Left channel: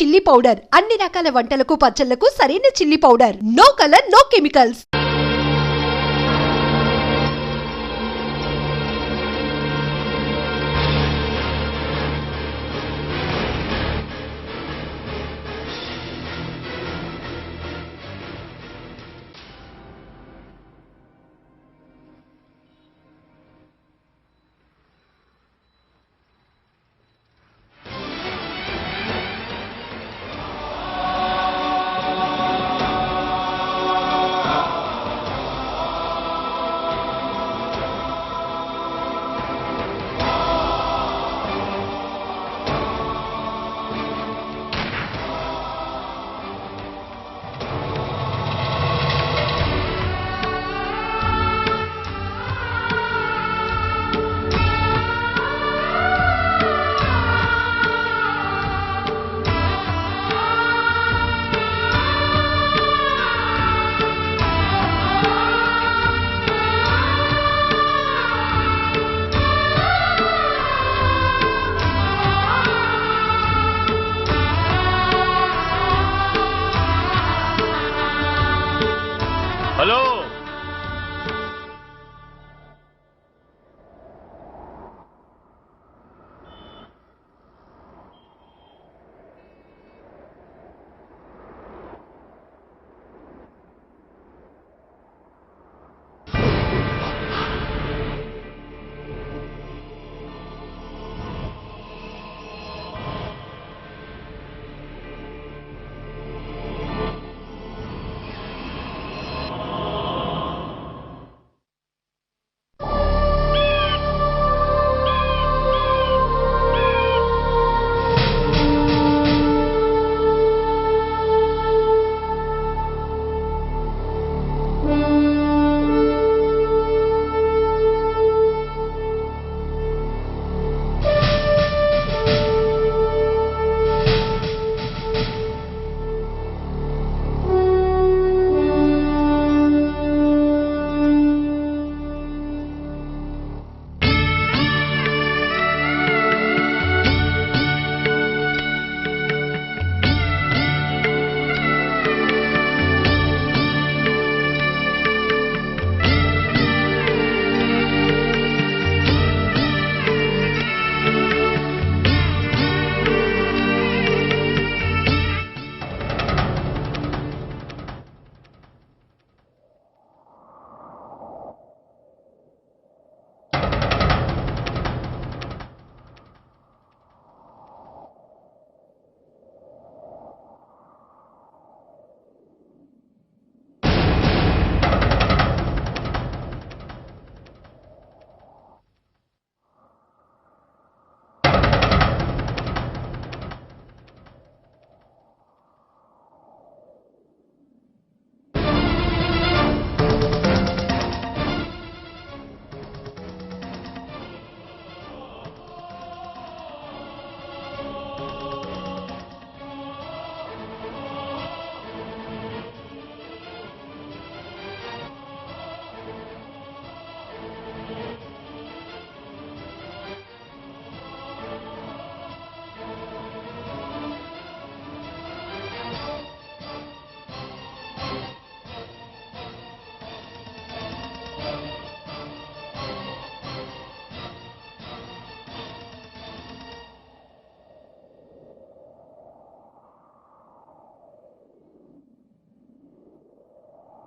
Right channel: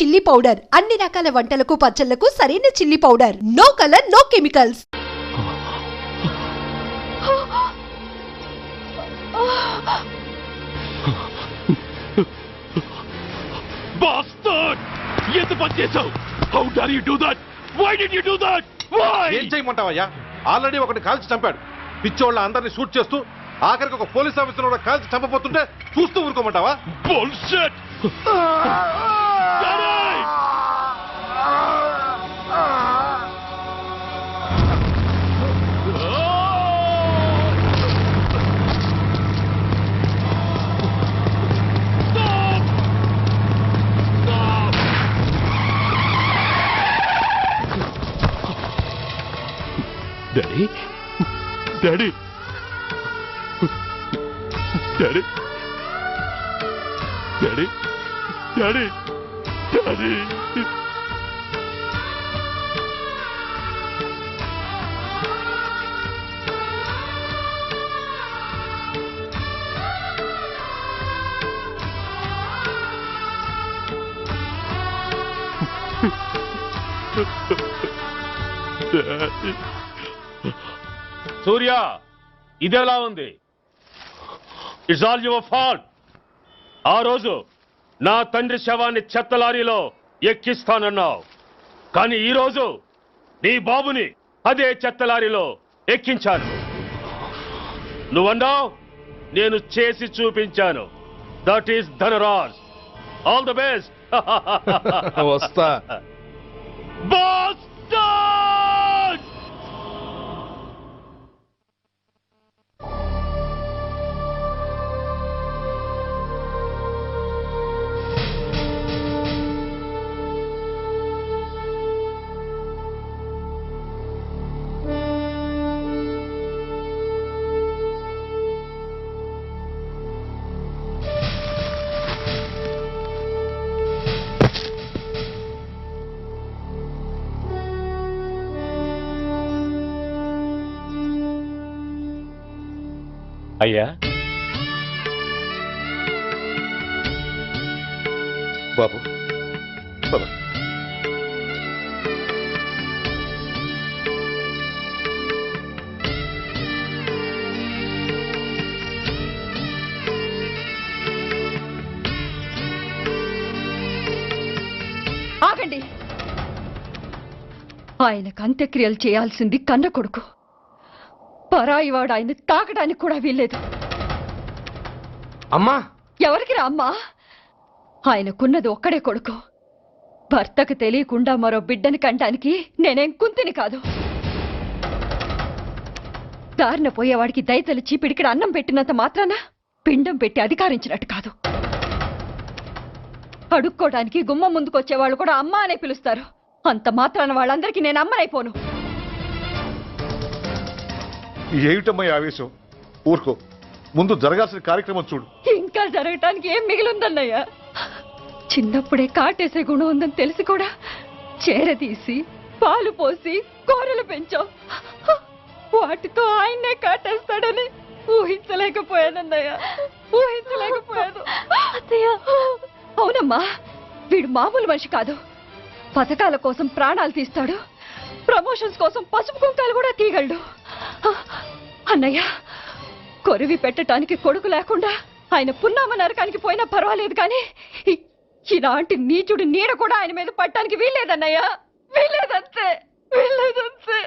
Chilli powder అన్ని రకాల వంటలకు పచ్చళ్లకు సరైన chilli powder. No colour, no chemicals. ఏం చేయమంటావయ్యా? ఆల్రెడీ ఒకటి కాల్చి చంపాడు. పిచ్చోళ్ళ అందరినీ షూట్ చేస్తూ ఆఖరికి ఒక పోలీస్ ఆఫీసర్ కూడా కాల్చి చంపబోతుంటే చూస్తూ ఊరుకోమంటావా? Daddy daddy daddy daddy daddy daddy hello Surya, ఇదెలా ఉంది? It's all your fault. ఆ రోజు నా తండ్రి శవాన్ని చెత్త లారీలో ఎక్కిస్తానన్నావు, కానీ ఈరోజు నీ బాబుని అదే చెత్త లారీలో ఎక్కించాను. నువ్వన్నావు, నేను చేసి చూపించాను. That is Dhanraj. All the best. వస్తా. అయ్యా, బాబు పద. ఆగండి. ఆయనకు అంత్యక్రియలు చేయాల్సింది కన్న కొడుకు. పరాయివాడు ఆయన తాకడానికి కూడా వీల్లేదు. అమ్మా, ఎవరికి రా అమ్మా? ఆయనకున్నది ఒక్కడే కొడుకు. భర్తకు తెలియకుండా మరో బిడ్డని కంటానికి నేనేం కుంతిని కాదు. దారిన పోయేవాడికి దయతలిచి పిడికిడ అన్నం పెట్టినంత మాత్రాన పిండం పెట్టి అధికారించినట్టు కాదు. అడుక్కోవడానికి గుమ్మం ముందుకొచ్చేవాళ్ళు కూడా అమ్మ అనే పిలుస్తారు. అంత మాత్రాన వాళ్ళందరికీ నేను అమ్మనైపోను. ఏమిటమ్మా ఆవేశం? ఊరుకో, ముందు జరగాల్సిన కార్యక్రమం చూడు. ఇంకా జరగటానికి ఏం మిగిలిందన్నయ్యా? చిన్నప్పుడే కాటేసే గుణం ఉందని తెలిసి కూడా చేరదీసి పాలు పోసి కూరలు పెంచాం. వాటితో ఆయన్నే కాటేస్తాడని ఊహించలేకపోయానన్నయ్యా, ఊహించలేకపోయాను. అవునమ్మా, వీడు మామూలు మనిషి కాదు. పథకాల కోసం ప్రాణాలు తీస్తాడు, ప్రమోషన్స్ కోసం పసుపు కుంకాలు కూడా తీయగలడు. అన్నయ్య, కొరివి పెట్టడానికి కొడుకు లేకుండా ఆయన పున్నామ నరకానికి పోయినా పర్వాలేదు, కానీ ఇలాంటి నీచుడు నీడ కూడా ఆయన మీద పట్టడానికి వీల్లేదన్నయ్య, వీల్లేదంతే, వీల్లేదంతే.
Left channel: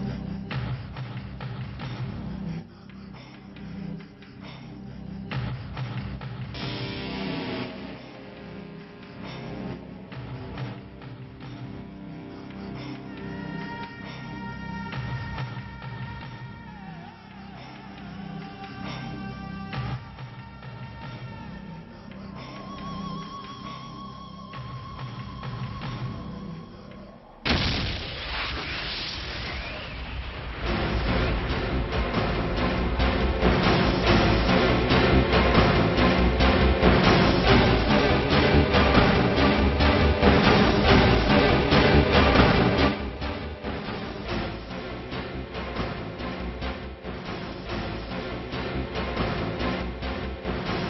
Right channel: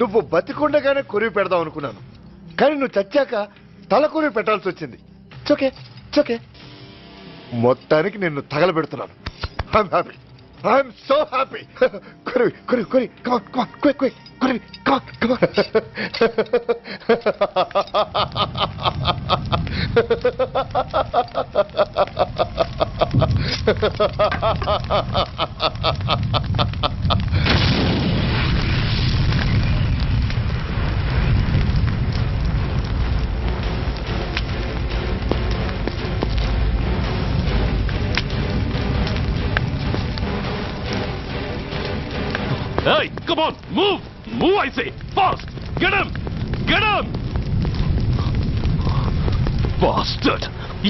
నువ్వు బతికుండగానే కొరివి పెడదాం అనుకున్నాను, కానీ నువ్వు చచ్చాక తల కొరివి పెట్టాల్సి వచ్చింది. చోకే చోకే మొత్తానికి నిన్ను తగలబెడుతున్నాను. I'm so happy. కొరివి కొరివి కొరివి కమాన్ కమాన్ క్విక్ క్విక్ కొరివి come on come on. Hey, come on, move! Move, I say! Fast! Get him! Get him! Bastard!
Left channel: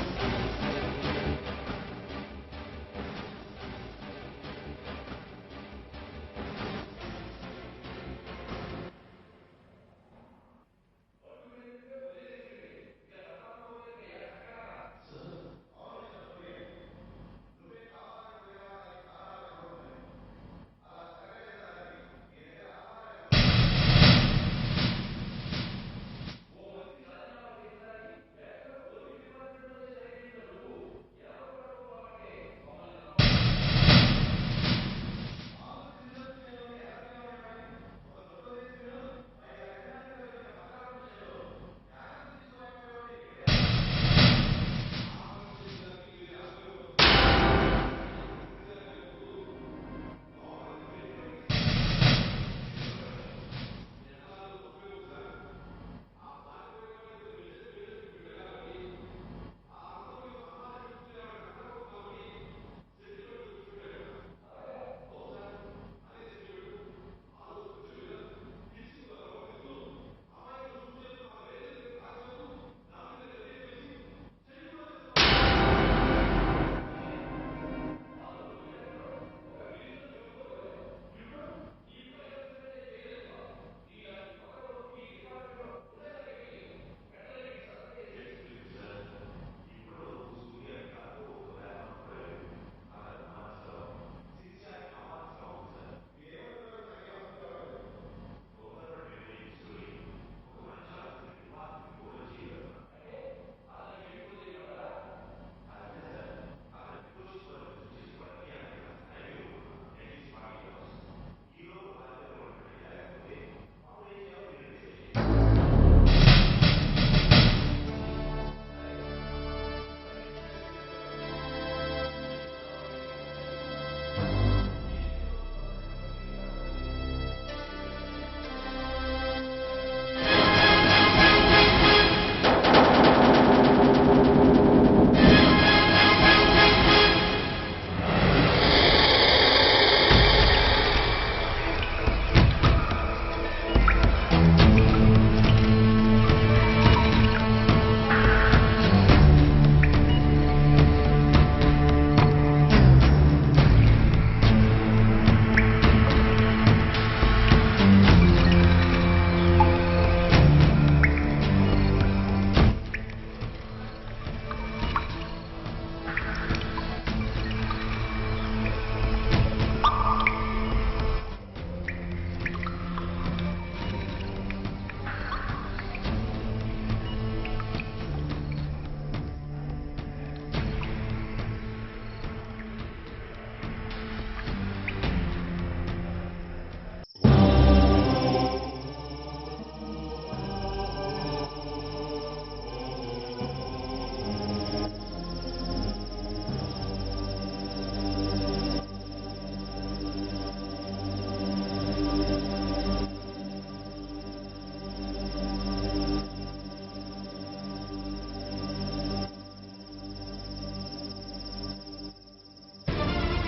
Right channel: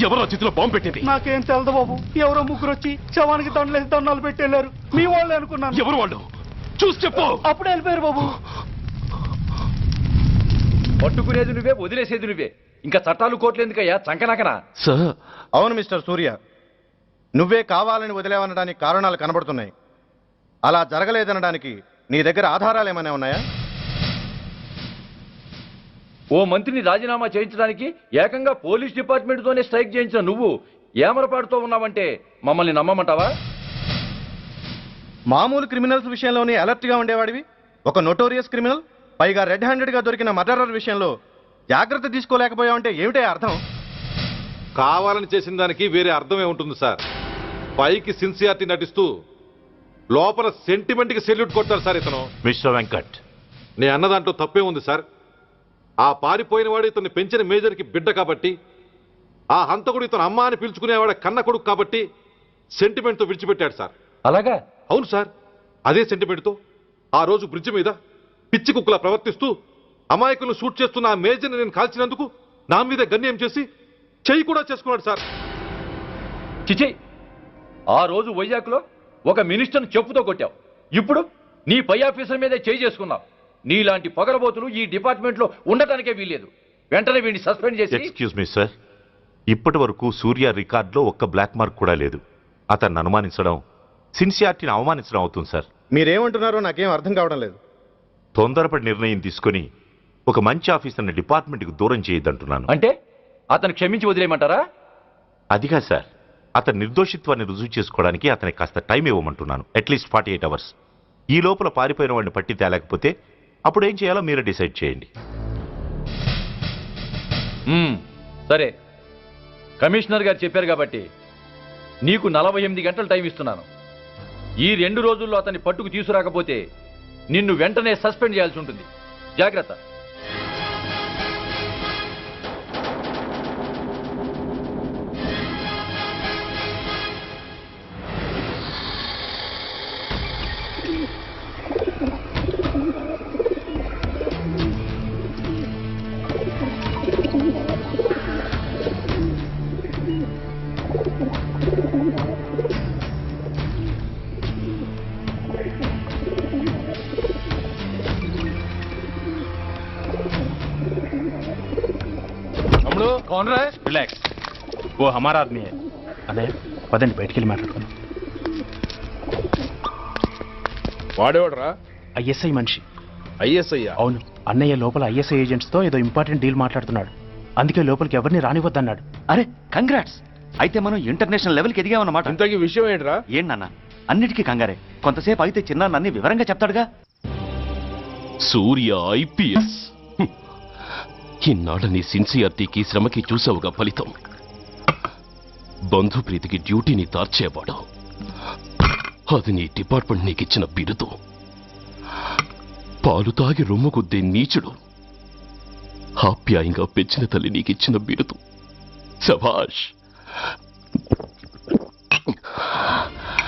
ఎవరో చేతిలో బాంబు పెట్టింది? నాకేం తెలదు బాబు. ఎవరో ముగ్గురు వచ్చి శవానికి దండలేసి దండాలు పెట్టేళ్ళారు. మీ వాళ్ళే అనుకున్నాను. ఎవరు వాళ్ళు? చూసి చెప్పు. అప్పుడే వెళ్ళిపోయారు బాబు. పట్టుకునేది నువ్వే, వదిలేసేది నువ్వే. ఇంకా చట్టాలు కోర్టులు ఎందుకయ్యా చంకనాకనా? సార్, అవును మిస్టర్ సూర్య, నువ్వే కావాలని వదిలేవనడానికి కారణాలు కనబడుతున్నాయి. అలా జరగలేదనడానికి నీ దగ్గర ఆధారాలు ఏమైనా ఉన్నాయా? ఓ మంత్రిని రాజీనామా చేయించడానికి ఏకంగా పోలీస్ డిపార్ట్మెంట్తోనే స్ట్రైక్ చేయించిన నువ్వు ఏమరపాటుతో ఉన్నావంటే మమ్మల్ని నమ్మమంటావా? మామూలు క్రిమినల్స్ విషయంలోనే అలర్ట్గా ఉండేవాడివి, ఒక నోటోరియస్ క్రిమినల్, పైగా రెడ్ హ్యాండెడ్గా దొరికిన మర్డరర్ విషయంలో జాగ్రత్త తీసుకోలేకపోయావంటే ఏమిటే అర్థం? కావాలని చేసిన దానికి వేరే అర్థమే ఉంటుంది సార్. పైకి సిన్సియారిటీ నటిస్తూ లోపల సెంటిమెంట్కి సెల్యూట్ కొట్టారు సార్ ఇతను. మిస్టర్ వెంకట్, నే అన్న దాంట్లో తప్పే ఉంది సార్. ఆ పారిపోయిన వాడు ఇతన్ని పెంచిన మేజర్కి బిడ్డ కాబట్టి, ఆ హంతకుడు ఇతను అమ్మ అని పిలుచుకునేవాడు కన్న కొడుకు కాబట్టి సెంటిమెంట్తో విడిచిపెట్టాడు సార్. అలాగా? అవును సార్, అదే సెంటిమెంట్తో ఆ రోజు బ్రిడ్జ్ మీద పిచ్చి కుక్కలా ప్రవర్తిస్తూ అమాయకులను షూట్ చేస్తున్న ఆ మేజర్ని నేను కాల్చినందుకు నా మీద గన్యం చేసి చెయ్యి కూడా చేసుకున్నాడు సార్. చిచి, ఆ రోజు వైజాగ్లో ఒక మినిస్టర్ని చెప్పుతో కొట్టావు, ఇప్పుడు నీ పై ఆఫీసర్ మీదే చేయి చేసుకున్నావు. నీలాంటి పొగరబోతులు ఈ డిపార్ట్మెంట్లో ఉండటానికే వీల్లేదు. వెంటనే వీడిని సస్పెండ్ చేసి. ఎక్స్క్యూజ్ మీ సార్, ఇప్పటి వరకు సూర్య రికార్డులో ఒక్క బ్లాక్ మార్క్ కూడా లేదు. అతన్ని అనుమానించడం సిన్సియారిటీని అవమానించడం అవుతుంది సార్. మీరేమంటున్నారో నాకేం అర్థం కావడం లేదు. తొందరపడి నిర్ణయం తీసుకొని ఒక మంచి ఆఫీసర్ని డిపార్ట్మెంట్కి దూరం చేయొద్దంటున్నాను. అంటే అతను క్షమించి వదిలేయమంటారా? అదిగా సార్, అతని నిర్దోషిత్వాన్ని రుజువు చేసుకోవడానికి అతనికి కాస్త టైం ఇవ్వమంటున్నాను. At least 48 hours. ఈ లోపల పారిపోయిన వాడిని పట్టి తేలేకపోతే అప్పుడు ఏం చేయాలో మీరే డిసైడ్ చేయండి. సరే, కమిషనర్ గారు చెప్పారు కాబట్టి నీకు 48 గంటలు టైం ఇస్తున్నాను. ఈ 2 రోజుల్లో అతన్ని పట్టుకు తీసుకురాకపోతే నిన్ను వెంటనే సస్పెండ్ చేయాల్సి ఉంటుంది. జాగ్రత్త. రిలాక్స్, ఓ హమారా ఆద్మీ హై. అదే పదండి బయటికి వెళ్ళి మాట్లాడతాం. వాడేవాడరా? ఐఎస్ఐ మనిషి. ఐఎస్ఐ? అవును, అన్నయ్య లోపల ఐఎస్ఐ ఏజెంట్స్తో ఏదో ఇంపార్టెంట్ డీల్ మాట్లాడుతున్నాడు. అందుకే లోపలికి ఎవరిని రానివద్దన్నాడు. అరే కంగ్రాట్స్, అయితే మనం ఇంటర్నేషనల్ లెవెల్కి ఎదిగామన్నమాట. ఇంతకీ విషయం ఏంట్రా? ఏంటన్నా అన్నిటికీ కంగారే, కొంతసేపు అయితే చిన్న అన్ని వివరంగా చెప్తాడుగా. సూర్య ఐపీఎస్. ఇన్నాళ్ళ నీ సిన్సియారిటీకి శ్రమకి చూసావుగా ఫలితం. బంధుప్రీతికి డ్యూటీని తార్చేవాడు. అది నీ డిపార్ట్మెంట్ నీకిచ్చిన బిరుదు. పాలు తాగి రొమ్ము కొద్దే నీచుడు ఆప్యాయంగా పెంచిన తల్లి నీకిచ్చిన బిరుదు. శభాష్.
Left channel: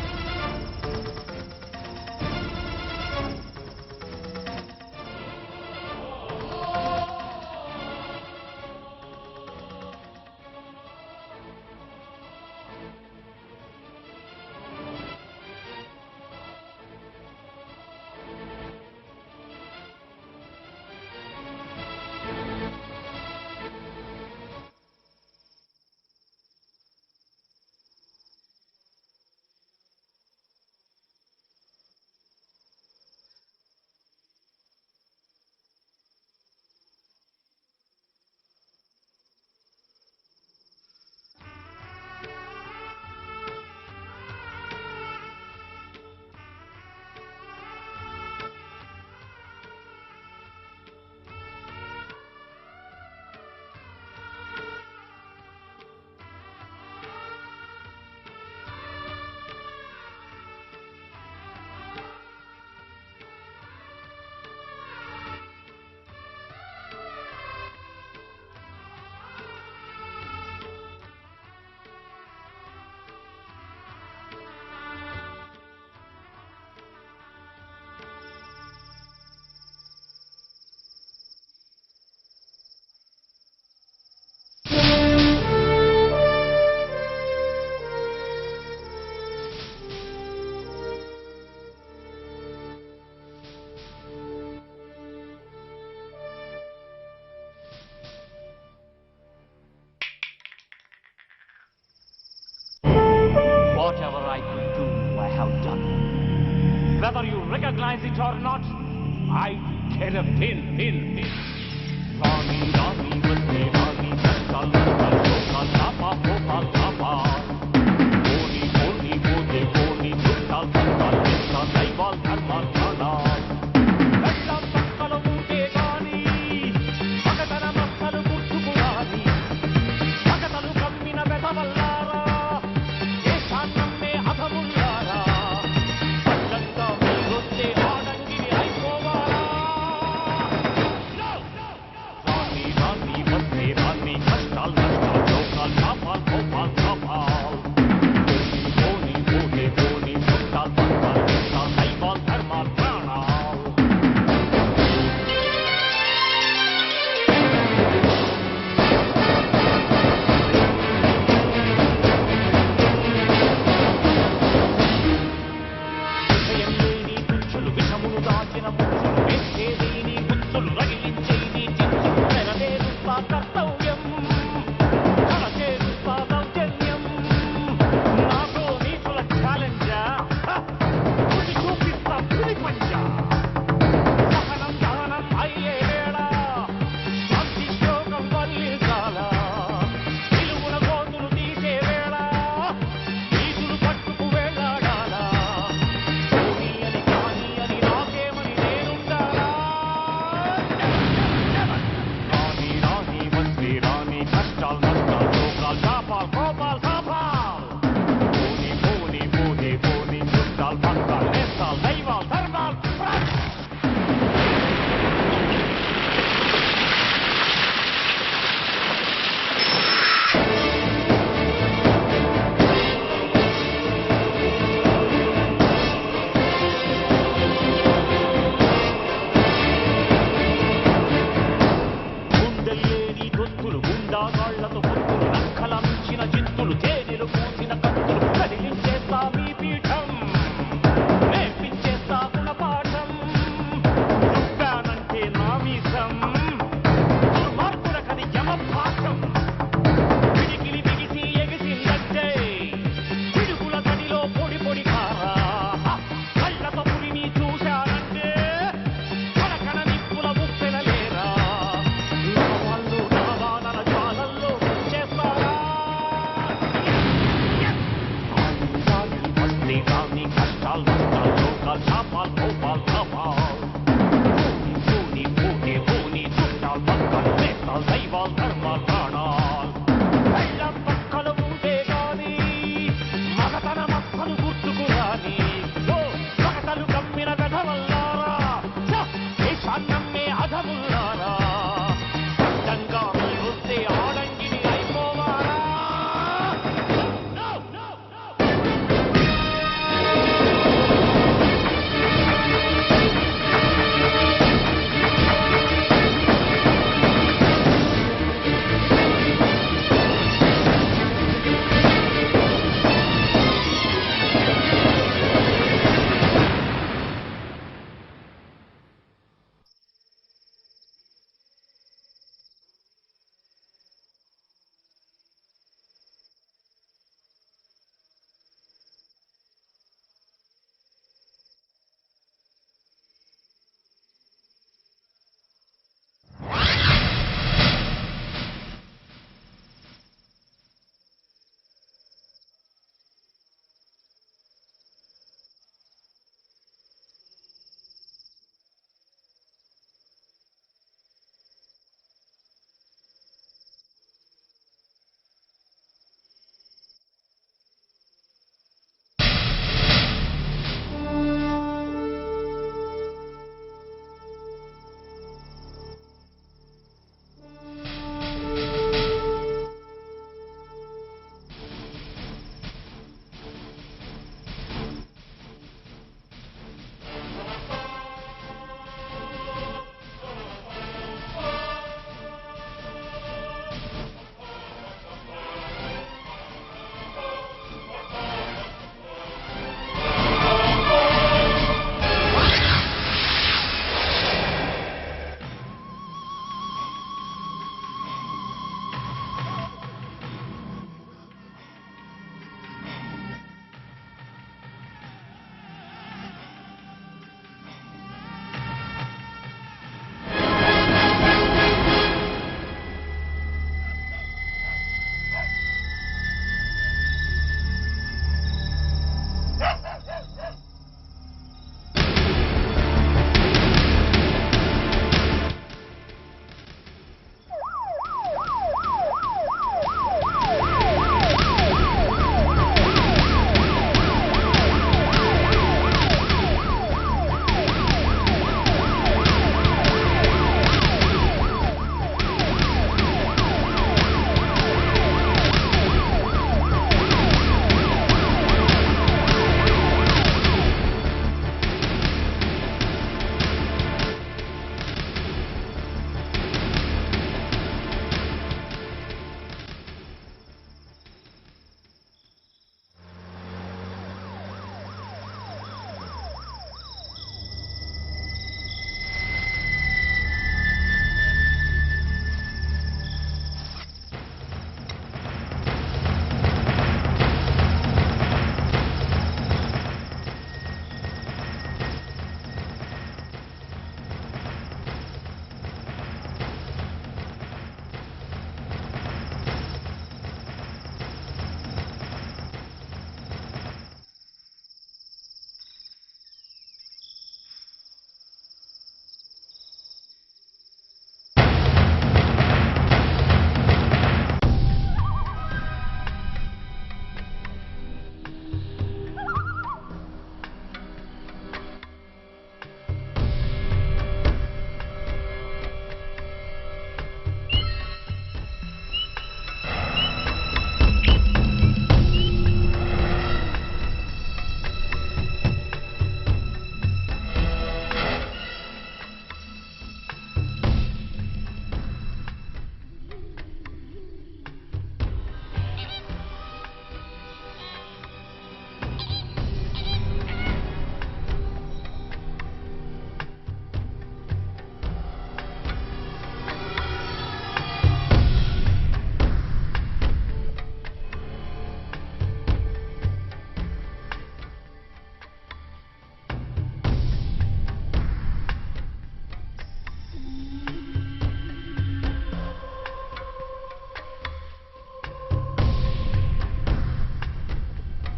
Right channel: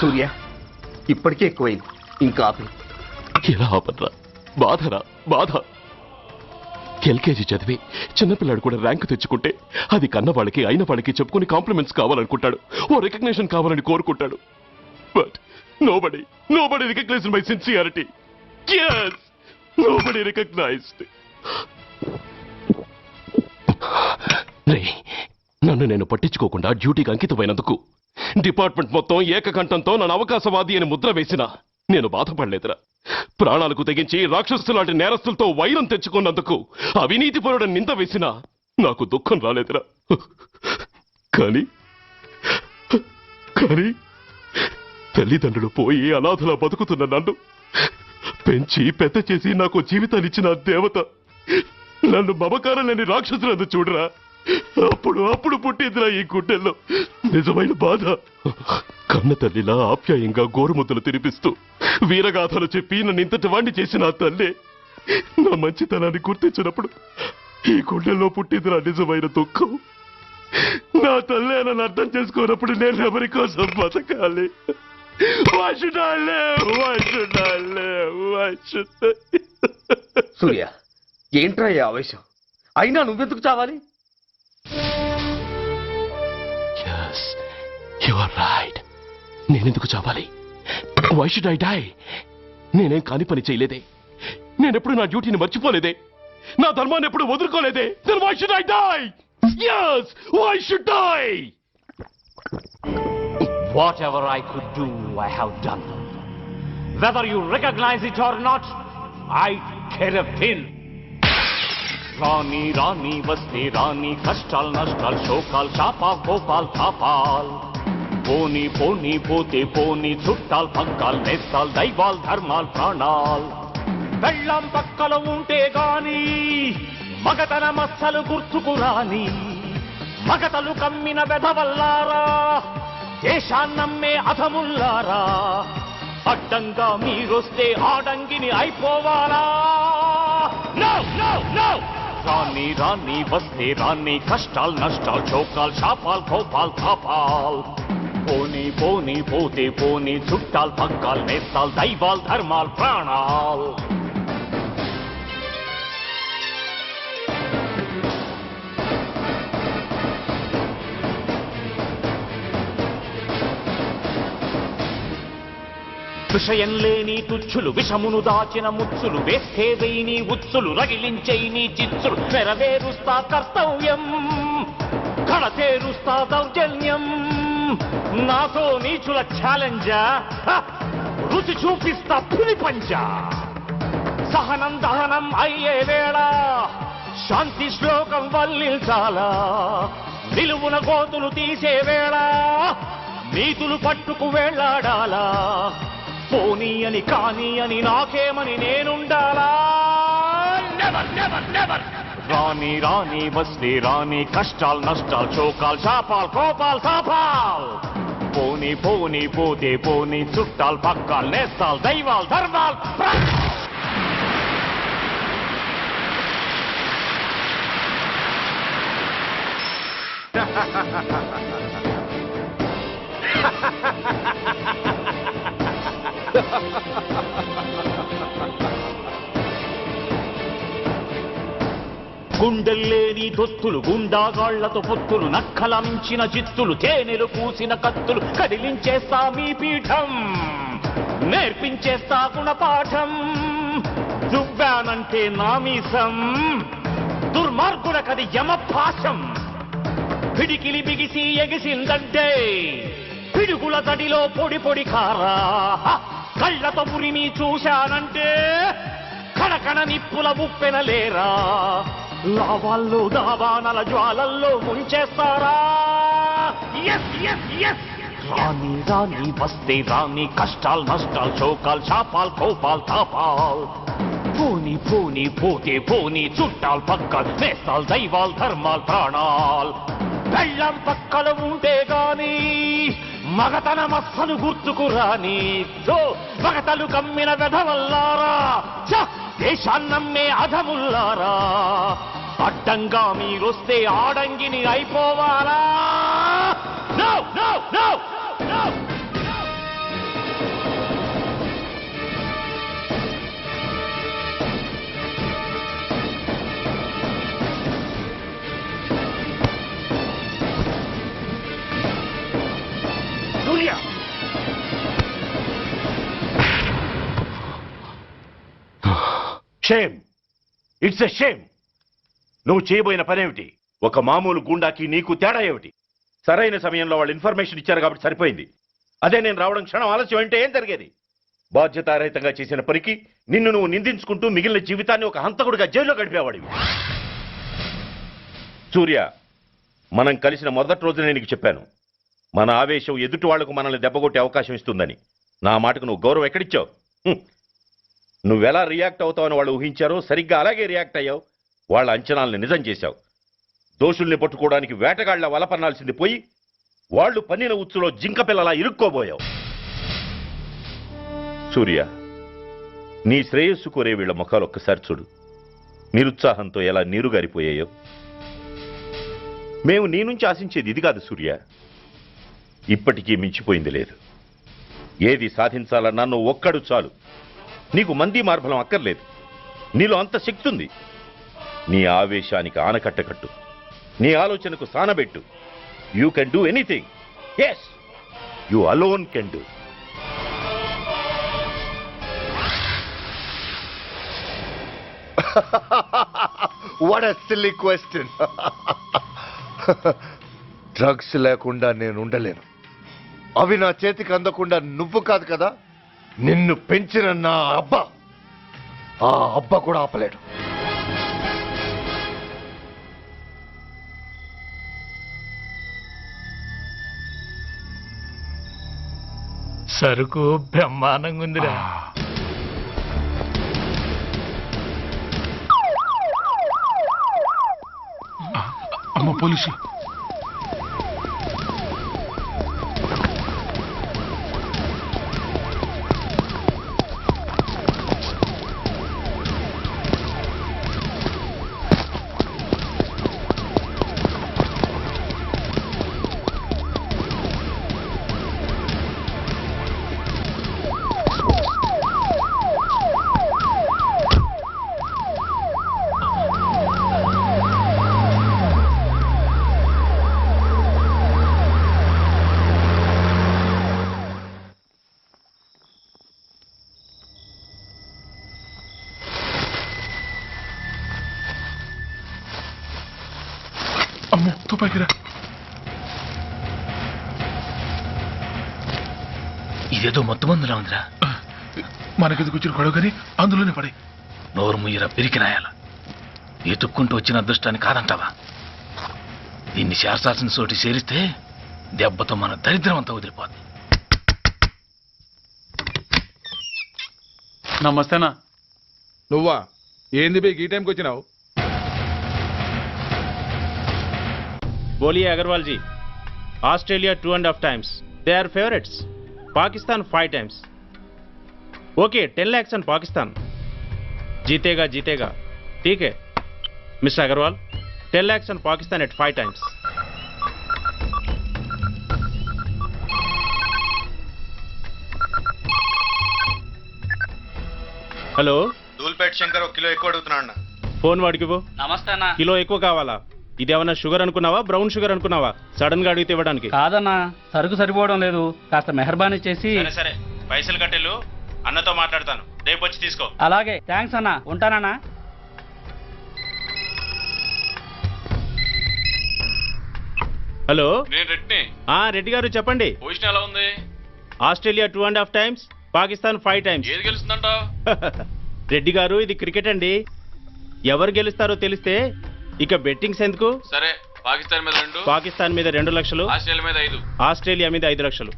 సూర్య ఇప్పటికే ఎక్కువైంది, ఇంకా ఎలా ఆపట్రా? బాధరా బాధ. ఎల్కేజీ చదివి చిన్నపిల్లాడు కూడా ర్యాంకు తెచ్చుకుంటే అది కన్నవాళ్ళకి అయిన వాళ్ళకి చెప్పుకుని కాంప్లిమెంట్స్ కావాలనుకుంటాడు, ఓ రికగ్నిషన్ కావాలని కోరుకుంటాడు. But nobody recognized my sincerity. Yes, nobody recognized. రే, నన్ను నేను పట్టించుకోకుండా డ్యూటీకి అంకితమైనందుకు డిపార్ట్మెంట్ మొత్తం ఏకకంఠంతో నన్ను అవకాశవాది అని ముద్ర వేసినా నేను బాధపడలేదురా. ప్రాణాలకు తెగించి రాక్షసులాంటి నేరస్తులతో వైరం తెచ్చుకున్నందుకు అవినీతిపరుడని నింద వేసినా నాకు దుఃఖం రాలేదురా. కానీ కానీ తల్లిదండ్రులు పోయి అనాథలా బతుకుతున్న నన్ను పెంచి పెద్ద చేసి నాకు జీవితాన్నిచ్చిన దేవత నన్ను మమకారం లేని రాక్షసులందు చూడరా. అప్పుడు పుట్టిందిరా ఈ గుడ్డెల్లో నిజమైన బాధ. కన్న తల్లిలా ఆప్యాయంగా గోరుముద్దలు తినిపిస్తూ వీరగాథలు చెప్పి నన్ను ఇంతటి వాణ్ణి చేసిన ఆ తల్లే నా మంచితనాన్ని గుర్తించినప్పుడు ఈ గుడ్డెల్లో పుట్టిందిరా నిజమైన దుఃఖం. నా తల్లే నన్ను అర్థం చేసుకోనప్పుడు నేను ఎవరి కోసం బతకాలి? సూర్య, ఏంట్రా ఈ ఆవేశం? అయినా నువ్వెందుకు చావాలి? నేనెందుకు చావాలి? Why should I die? నేనేం కాని పని చేయలేదే, నేనెప్పుడు నా డ్యూటీని మర్చిపోలేదే, నా ధర్మాన్ని ఎప్పుడు వదులుకోలేదే. Then why should I die? Yes, why should I? Whatever I could do, I have done. Whether you recognize it or not, I care a pin. Rani, Rani, Vasti, Rani, Kashtal, Nashtal, Shokal, Chapa, Gopal, Kapal. Poni, Poni, Pote, Poni, Chuttal, Pankal, Nestal, Daival, Dharmal, Kandal. Vellam Pakkala unte gaani, Magadana Massalu Gurtukurani, Magatalu Kammina Vedavallara, Deshannamme Adhamullара, Addanga Meeroste Adangini Aipovala. Rani, Rani, Vaste, Rani, Kashtal, Nashtal, Chokal, Chapal, Gopal, Kapal. Poni, Poni, Pote, Poni, Chuttal, Pankal, Nestal, Daival, Dharmal, Pranal. విషయం లేని తుచ్చులు విషమును దాచిన ముచ్చులు వేస్తేదేని ఉచ్చులు రగిలించేని చిచ్చులు నెరవేరుస్తా కర్తవ్యం కడతేరుస్తా దౌర్జన్యం నాతో నీచుల ఛాలెంజా రుచి చూపిస్తా పులి పంజా సహనం దహనం అయ్యే వేళ శాంతి శ్లోకం వల్లించాల నిలువున కోతులు తీసే వేళ నీతులు పట్టుకు వేళాడాలా పోనీ అని కానీ అని నాకేమని నేనుండాలా రాని రాని వస్తే రాని కష్టాలు నష్టాలు చోకాలు చాపాలు కోపాలు కాపాలు పోనీ పోనీ పోతే పోనీ చుట్టాలు పక్కాలు నేస్తాలు దైవాలు ధర్మాలు గుండెల్లేని దొత్తులు గుండాగాళ్లతో పొత్తులు నక్కలంచిన చిత్తులు తేనెలు పూసిన కత్తులు కదిలించేస్తా మీ పీఠం నేర్పించేస్తా గుణపాఠం దువ్వానంటే నామీసం దుర్మార్గుడకది యమభాషం పిడికిలి బిగిసి ఎగిసిందంటే పిడుగుల తడిలో పొడి పొడి కారా కళ్ళతో పులిని చూశానంటే కణకణ నిప్పుల ముప్పెనలేరా లావాళ్ళు దావానల జ్వాలల్లో వచ్చేస్తారా రాని రాని వస్తే రాని కష్టాలు నష్టాలు చోకాలు చాపాలు కోపాలు తాపాలు పోనీ పోనీ పోతే పోనీ చుట్టాలు పక్కలు వేస్తాలు దైవాలు ధర్మాలు ప్రాణాలు వెళ్ళం పక్కలు ఉంటే గాని మగతన మస్సలు గుర్తుకు రాని మగతలు కమ్మిన వెధవల్లారా దేశాన్నమ్మే అధముల్లారా అడ్డంగా మీరొస్తే ఆడంగిని అయిపోవాలా షేమ్, ఇట్స్ ఎ షేమ్. నువ్వు చేయబోయిన పనేమిటి? ఒక మామూలు గుండాకి నీకు తేడా ఏమిటి? సరైన సమయంలో వాళ్ళు ఇన్ఫర్మేషన్ ఇచ్చారు కాబట్టి సరిపోయింది. అదే నేను రావడం క్షణం ఆలస్యం అంటే ఏం జరిగేది? బాధ్యతారహితంగా చేసిన పనికి నిన్ను నువ్వు నిందించుకుంటూ మిగిలిన జీవితాన్ని ఒక హంతకుడిగా జైల్లో గడిపేవాడివి. సూర్య, మనం కలిసిన మొదటి రోజునే నీకు చెప్పాను, మన ఆవేశం ఎదుటి వాళ్లకు మనల్ని దెబ్బగొట్టే అవకాశం ఇస్తుందని. నా మాటకు నువ్వు గౌరవం ఎక్కడిచ్చావు? నువ్వెలా రియాక్ట్ అవుతావని వాళ్ళు ఊహించారో సరిగ్గా అలాగే రియాక్ట్ అయ్యావు. వాళ్ళ అంచనాల్ని నిజం చేశావు. దోషుల్ని పట్టుకోవడానికి వేటగాళ్ల వలపన్నాల్సింది పోయి వాళ్ళు పన్నిన ఉచ్చులో జింక పిల్లలా ఇరుక్కోబోయావు. సూర్య, నీ శ్రేయస్సు కోరే వీళ్ల ముఖాలు ఒక్కసారి చూడు. నిరుత్సాహంతో ఎలా నీరుగారిపోయాయో. మేము నీ నుంచి ఆశించేది ఇది కాదు సూర్య. ఇప్పటికీ మించిపోయింది లేదు. ఏది సాధించాలన్నా నువ్వు ఒక్కడు చాలు. నీకు మంది మార్బలం అక్కర్లేదు. నీలో అంత శక్తి ఉంది. నీ ఆవేశానికి ఆనకట్టకట్టు, నీ ఆలోచనకు సానబెట్టు. You can do anything. Yes, you alone can do. What a silly question. Drugs లేకుండా నేను ఉండలేను. అవి నా చేతికి అందకుండా నువ్వు కాదు కదా, నిన్ను పెంచిన నా అబ్బ, ఆ అబ్బ కూడా ఆపలేడు. సరుకు బ్రహ్మాండంగా ఉందిరా. అమ్మ పోలీసు. అమ్మో తుపాకిరా. ఇదేదో మొత్తం అందులో ఉందిరా. మనకెందుకు వచ్చిన గొడవ కానీ అందులోనే పడి నోరు ముయ్యరా పిరికినాయాల. ఎతుక్కుంటూ వచ్చిన అదృష్టాన్ని కాదంటావా? దీన్ని చేర్చాల్సిన చోటి చేరిస్తే దెబ్బతో మన దరిద్రం అంతా వదిలిపోదు. నమస్తేనా. నువ్వా? ఏంది బే ఈ టైంకి వచ్చినావు? बोलिए Agarwal ji. Australia 2.5 times. They are favorites. Pakistan 5 times. Okay, 10 lakhs on Pakistan. जीतेगा जीतेगा. ठीक है Mister Agarwal. 10 lakhs on Pakistan at 5 times. Hello, Dhoolpet Shankar 1 kilo ఎక్కువ అడుగుతున్నాడు. ఫోన్ వాడికి పో. నమస్తే అన్న. కిలో ఎక్కువ కావాలా? ఇదేమన్నా షుగర్ అనుకున్నావా, బ్రౌన్ షుగర్ అనుకున్నావా? సడన్ గా అడిగితే ఇవ్వడానికి కాదన్నా, సరుకు సరిపోవడం లేదు. కాస్త మెహర్బానీ చేసి. సరే పైసలు కట్టెలు, అన్నతో మాట్లాడతాను, రేపు వచ్చి తీసుకో. అలాగే, థ్యాంక్స్ అన్న, ఉంటానన్నా. హలో, నేను రెడ్డిని. రెడ్డి గారు చెప్పండి. పొజిషన్ ఎలా ఉంది? Australia 2.5 times, Pakistan 5 times. ఏది గెలుస్తుందంటావు? రెడ్డి గారు, ఇది క్రికెట్ అండి. ఎవరు గెలుస్తారో తెలిస్తే ఇక బెట్టింగ్స్ ఎందుకు? సరే, పాకిస్తాన్ మీద 2, పాకిస్తాన్ మీద 2 లక్షలు, ఆస్ట్రేలియా మీద 5, ఆస్ట్రేలియా మీద 5 లక్షలు.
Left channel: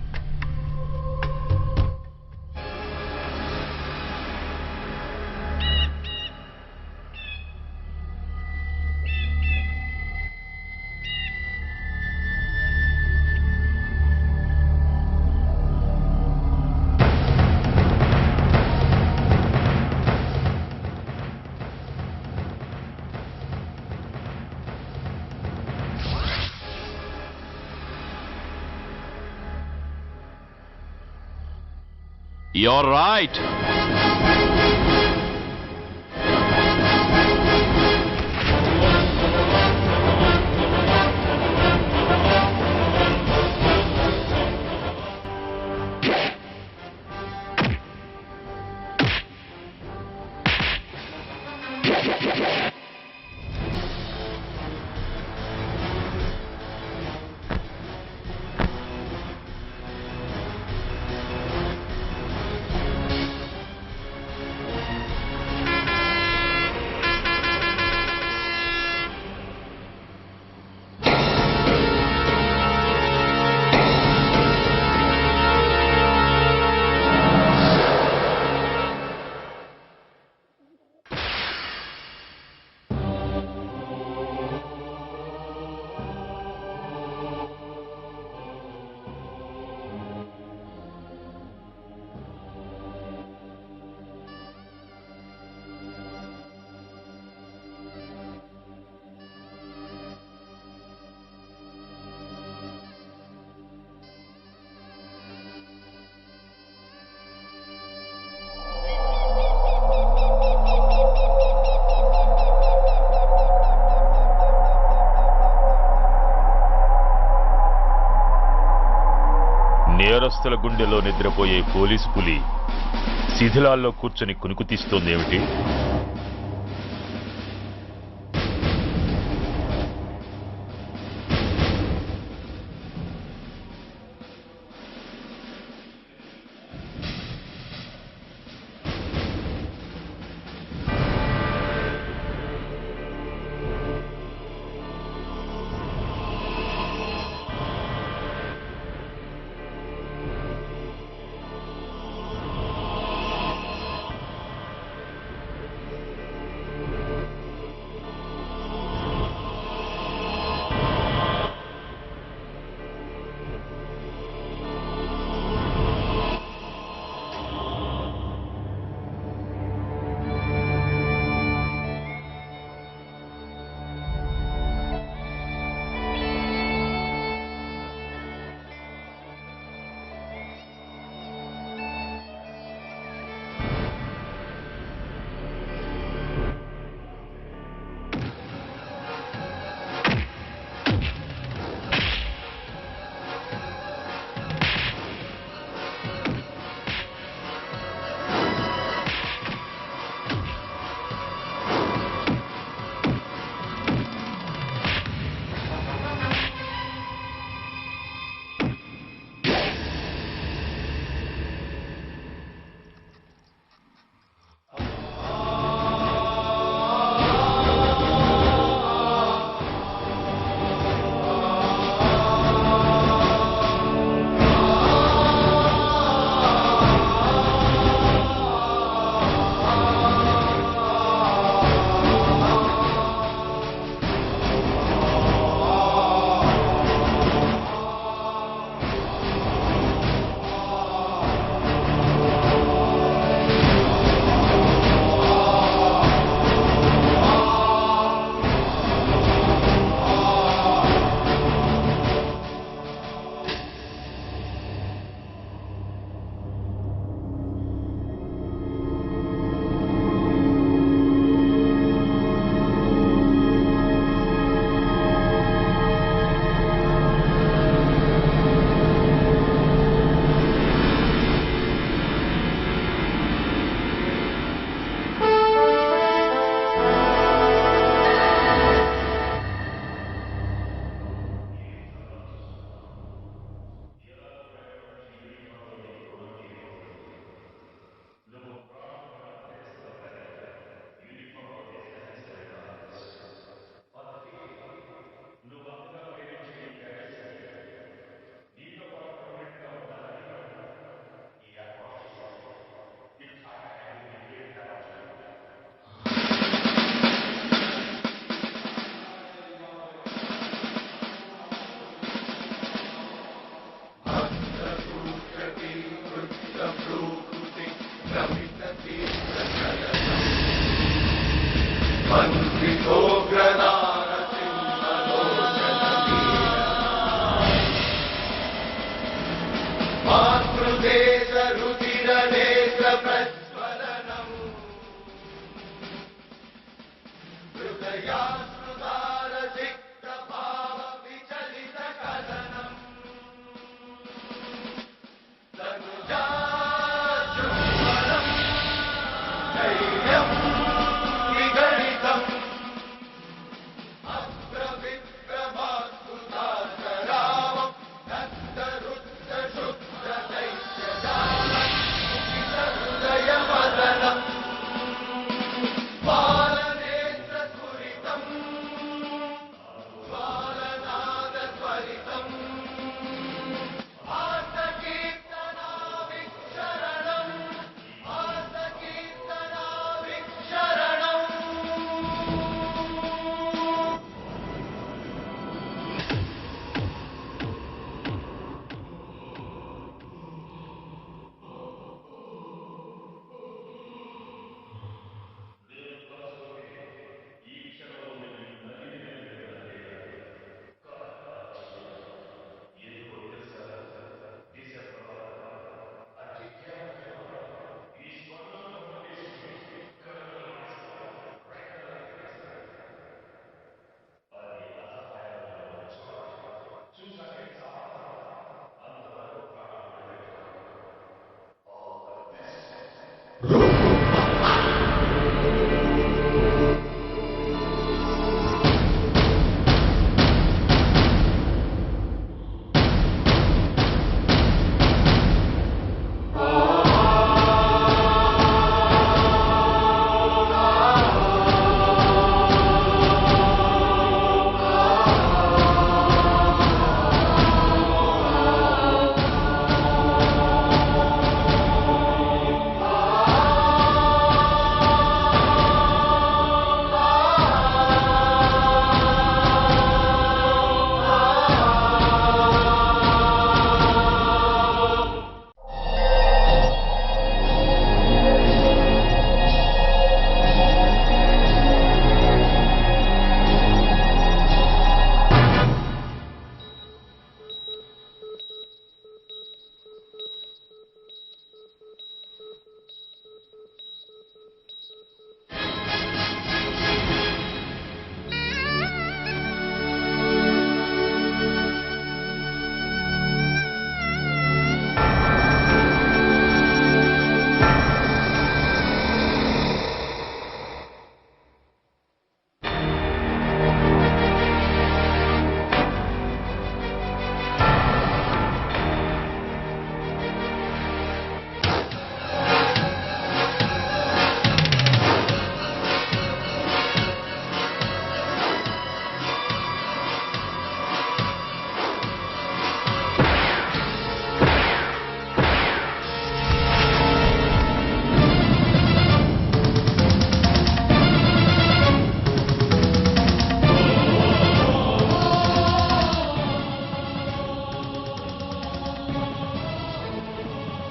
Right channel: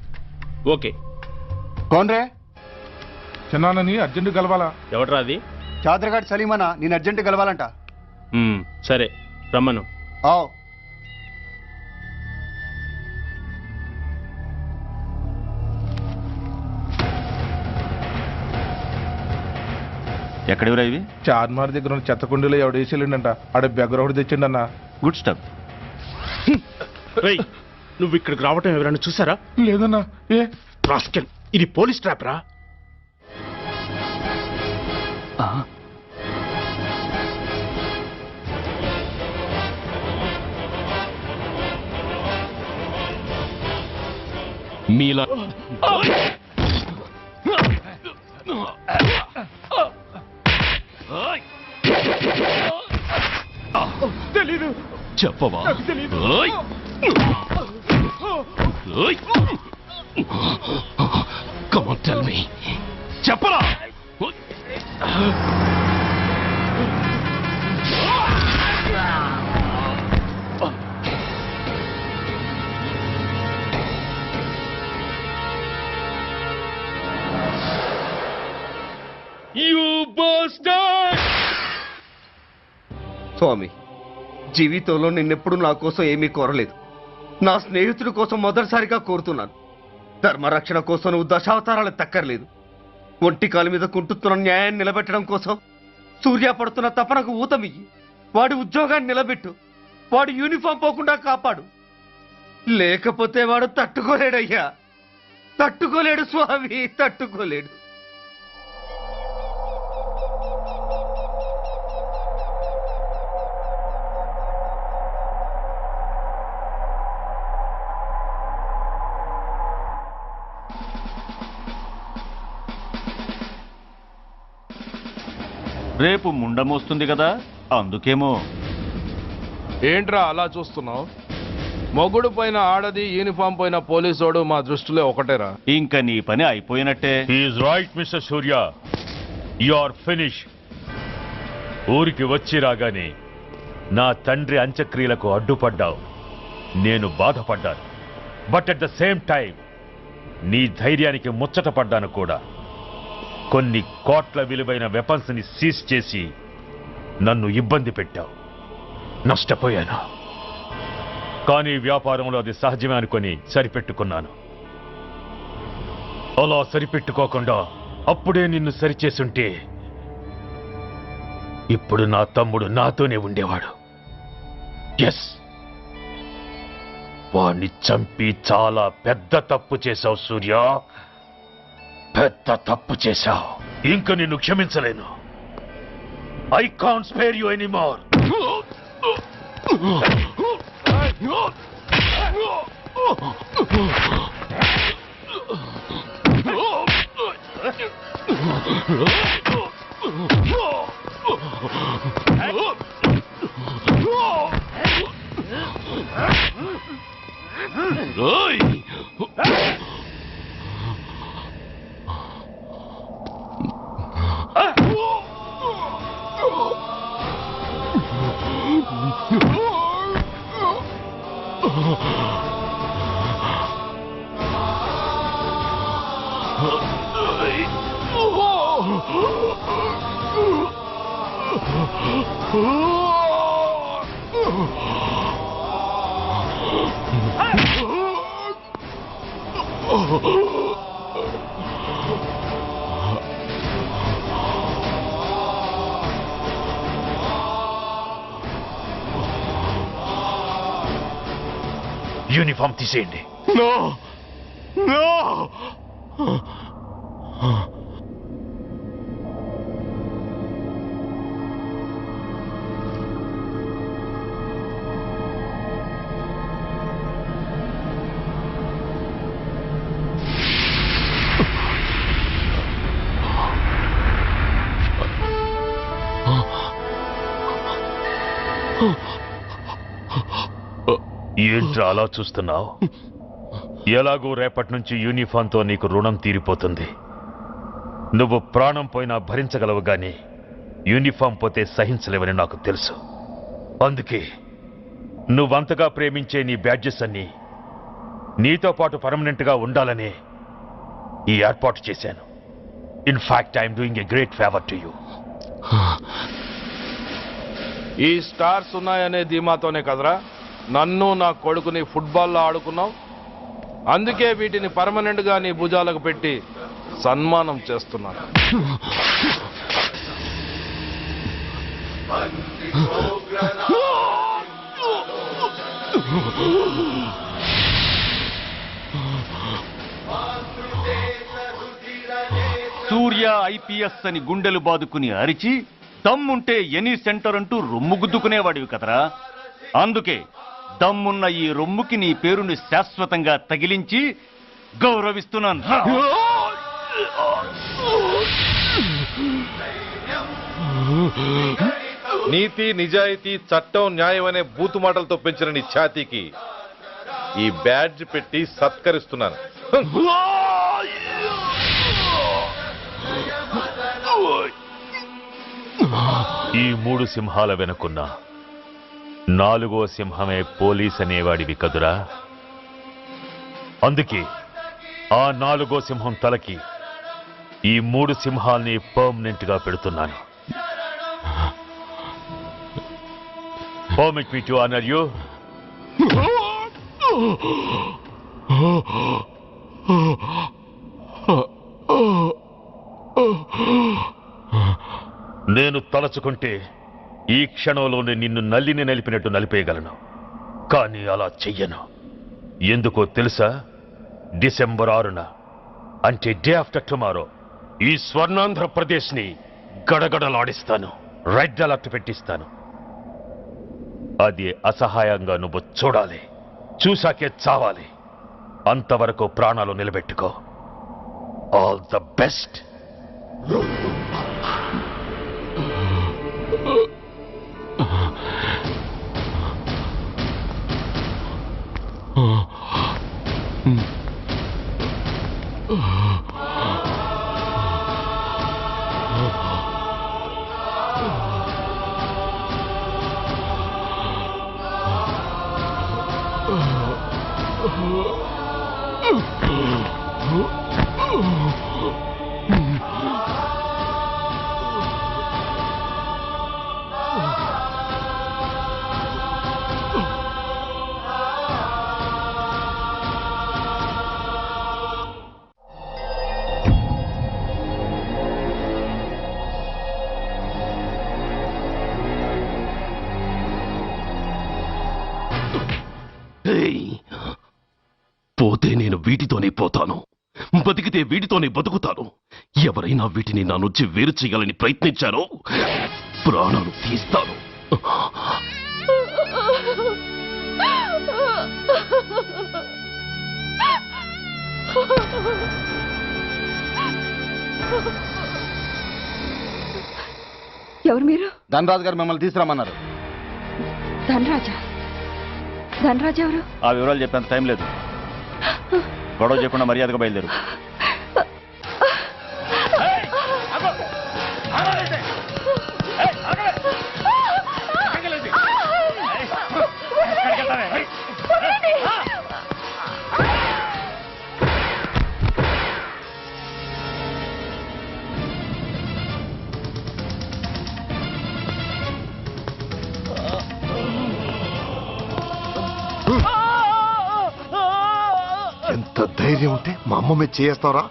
ఓకే. కోన్రే? చిన్నానని అర్జెంట్ కలవాలా? ఎవట్రా అది? చాదరగాడు సలీమనా, నేను అర్జెంట్ కలవాలంట. సరే రమ్మను. ఎక్కడివరా ఇవి? చార్మార్ దగ్గర ఉన్న చెత్త కుండీలో ఎవడు వేసేళ్ళంట. ఆడ బెగ్గరొకటి తెచ్చిండన్న. Good stuff. నువ్వు ఇక్కడికి రావటం ఎవరైనా చూసారా? లేదన్నా. ఏ రాస్కెల్, ఇది పోలీస్ ట్రాప్ రా. You're right. మీలా తెలీదు. చెప్పవా? ఓయ్! ఓయ్! Come on, tell me. చెప్పరా? స్వామి, జీవితంలో నిన్నెప్పుడు నా కోసం ఏమీ కోరలేదు. నా స్నేహితుడి కోసం మొదటిసారిగా కోరుతున్నాను. ధర్మరక్షణ కోసం నువ్వు దశావతారాలు తక్కర్లేదు. ఒంటి కాలు మీద కుంటుతున్న న్యాయాన్ని నిలబెట్టడం కోసం సూర్య పడుతున్న తపనకు ఊతమియ్యి. వాడి ఉద్యోగాన్ని నిలబెట్టు. వాడు యూనిఫామ్ పోకుండా కాపాడు. లేకపోతే వాడు తట్టుకోలేడయ్యా, తట్టుకోలేడు స్వామి, తట్టుకోలేడు. నేరస్తుల గుండెలో నిద్రపోయే పోలీసు పులి శిథిలాల్లో కూర్చొని కునుకు తీస్తోందేమిటి? రేపు ముండమోస్తుంది కదా, అందుకేమో. ఏంట్రా అలా చూస్తున్నావు? మొగుడు పైన ఆడది, యూనిఫామ్ పైన పోలీసోడు మా దృష్టిలో ఒకటేరా. ఇంకా నీ పని అయిపోయినట్టే. Is right Mister Surya, you are finish. ఊరికి వచ్చి రాగానే నా తండ్రి అంత్యక్రియలకు అడ్డుపడ్డావు. నేను బాధపడ్డాను. But at the same time నీ ధైర్యానికి ముచ్చట పడ్డాను కూడా. కొన్ని కోట్ల విలువైన వెపన్స్ ని సీజ్ చేసి నన్ను ఇబ్బంది పెట్టావు. నష్టపోయాను. కానీ వ్యాపారంలో అది సహజమే అనుకొని సరిపెట్టుకున్నాను. అలా సరిపెట్టుకోకుండా అప్పుడే నిన్ను సరిచేసుంటే ఇప్పుడు నా తమ్ముడు నాతోనే ఉండేవాడు. ఎస్, వాణ్ణి చంపి చాలా పెద్ద తప్పు చేశావు సూర్య, పెద్ద తప్పు చేశావు. ఇంక నిన్ను క్షమించలేను. I can't spare you anymore. Uniform తీసేయండి. ఏంట్రా అలా చూస్తున్నావు? ఎలాగూ రేపటి నుంచి యూనిఫామ్తో నీకు రుణం తీరిపోతుంది. నువ్వు ప్రాణం పోయినా భరించగలవు గాని యూనిఫామ్ పోతే సహించలేవని నాకు తెలుసు. అందుకే నువ్వంతగా ప్రేమించే నీ బ్యాడ్జెస్ అన్ని నీతో పాటు పర్మనెంట్గా ఉండాలని ఈ ఏర్పాటు చేశాను. In fact I'm doing a great favour to you. ఈ స్టార్స్ ఉన్నాయనే ధీమాతోనే కదరా నన్ను నా కొడుకుని ఫుట్బాల్లో ఆడుకున్నావు. అందుకే వీటిని పర్మనెంట్ గా నీ భుజాలకు పెట్టి సన్మానం చేస్తున్నాను. సూర్య ఐపీఎస్ అని గుండెలు బాదుకుని అరిచి దమ్ముంటే ఎనీ సెంటర్ అంటూ రొమ్ము గుద్దుకునేవాడివి కదరా. అందుకే దమ్మున్న ఈ రొమ్ముకి నీ పేరుని శాశ్వతంగా తగిలించి గౌరవిస్తున్నాను. నీతి నిజాయితీ చట్టం న్యాయం అనే బూతు మాటలతో పెంచిన నీ ఛాతీకి ఈ బ్యాడ్జ్ పెట్టి సత్కరిస్తున్నాను. ఈ 3 సింహాల వెనుకున్న 4వ సింహమే పోలీస్ అనేవాడివి కదురా. అందుకే ఆ 4వ సింహం తలకి ఈ 3 సింహాల్ని పర్మనెంట్ గా పెడుతున్నాను. Permit me to honor you. నేను తలచుకుంటే ఈ క్షణంలోనే నిన్ను నల్లిని నలిపినట్టు నలిపేయగలను. కానీ అలా చెయ్యను. ఎందుకో తెలుసా? డిసెంబర్ 6న అంటే డే ఆఫ్టర్ టుమారో ఈ స్వర్ణాంధ్రప్రదేశ్ని గడగడలాడిస్తాను. రెడ్ అలర్ట్ పెట్టిస్తాను. అది అసహాయంగా నువ్వు చూడాలి. చూశాకే చావాలి. అంతవరకు ప్రాణాలు నిలబెట్టుకో. All the best. పోతే నేను వీటితోనే పోతాను, బతికితే వీటితోనే బతుకుతాను. ఎవరైనా వీటిని నా నుంచి వేరు చేయాలని ప్రయత్నించారో ప్రాణం తీస్తాను. ఎవరు మీరు? ధనరాజు గారు మిమ్మల్ని తీసుకురామన్నారు. ధనరాజు ఎవరు? ఆ వివరాలు చెప్పేంత టైం లేదు. గొడవ చెప్పకుండా మర్యాదగా బయలుదేరు. ధైర్యం ఉంటే మా అమ్మ మీద చేస్తారా?